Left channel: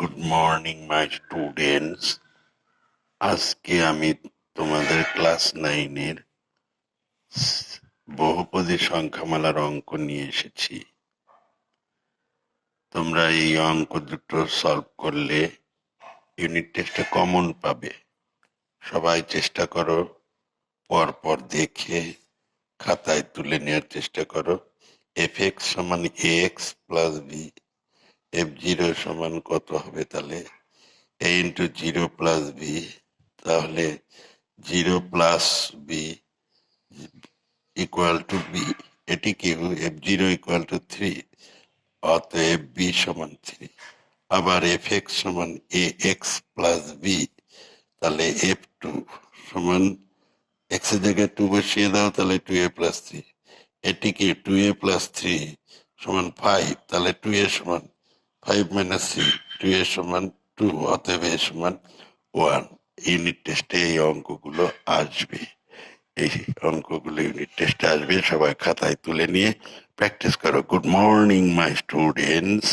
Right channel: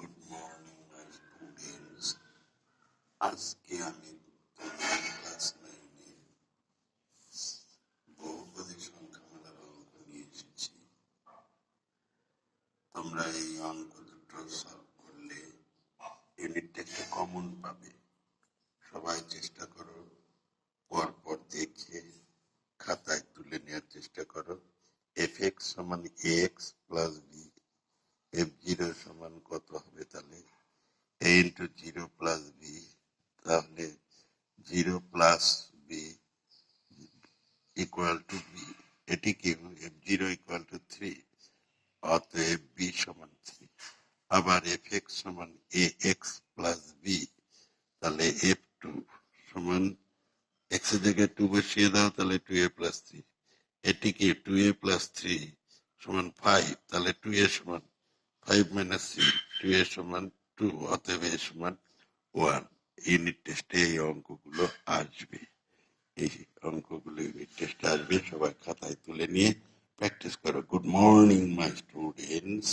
Good morning my students. আজকে আমি তোমাদের ক্লাস 9-এর বহুপদী সংখ্যামালার অঙ্ক নিয়ে এসেছি। তোমরা এই অঙ্ক দুটো সলভ করলে ইউনিট টেস্টে কমন পাবে। সবাই চেষ্টা করো, পরপর দেখে খাতায় তুলে নেওয়ার চেষ্টা করো। f(x) সমান ax প্লাস বি, f(0) সমান কত হবে? তাহলে a ইন্টু 0 প্লাস বি, তাহলে 0 plus B equal to B. এটি কি? f(0) ইকুয়াল টু 3, অতএব বি সমান 3। আবার f(x) সমান ax প্লাস বি, তাহলে f2 সমান x এর জায়গায় 2 বসিয়ে দাও, তাহলে 2a প্লাস 3। এটি কি? 2a প্লাস 3 সমান 5, তাহলে 2a সমান 5 মাইনাস 3, 2a সমান 2, অতএব a সমান 1। ইউনিট টেস্টে এই অঙ্কগুলো আসবে। এই অঙ্কগুলো ইউনিট টেস্টে আসবে, সবাই খাতায় তুলে নিয়ে প্র্যাকটিস করো। Good morning my students.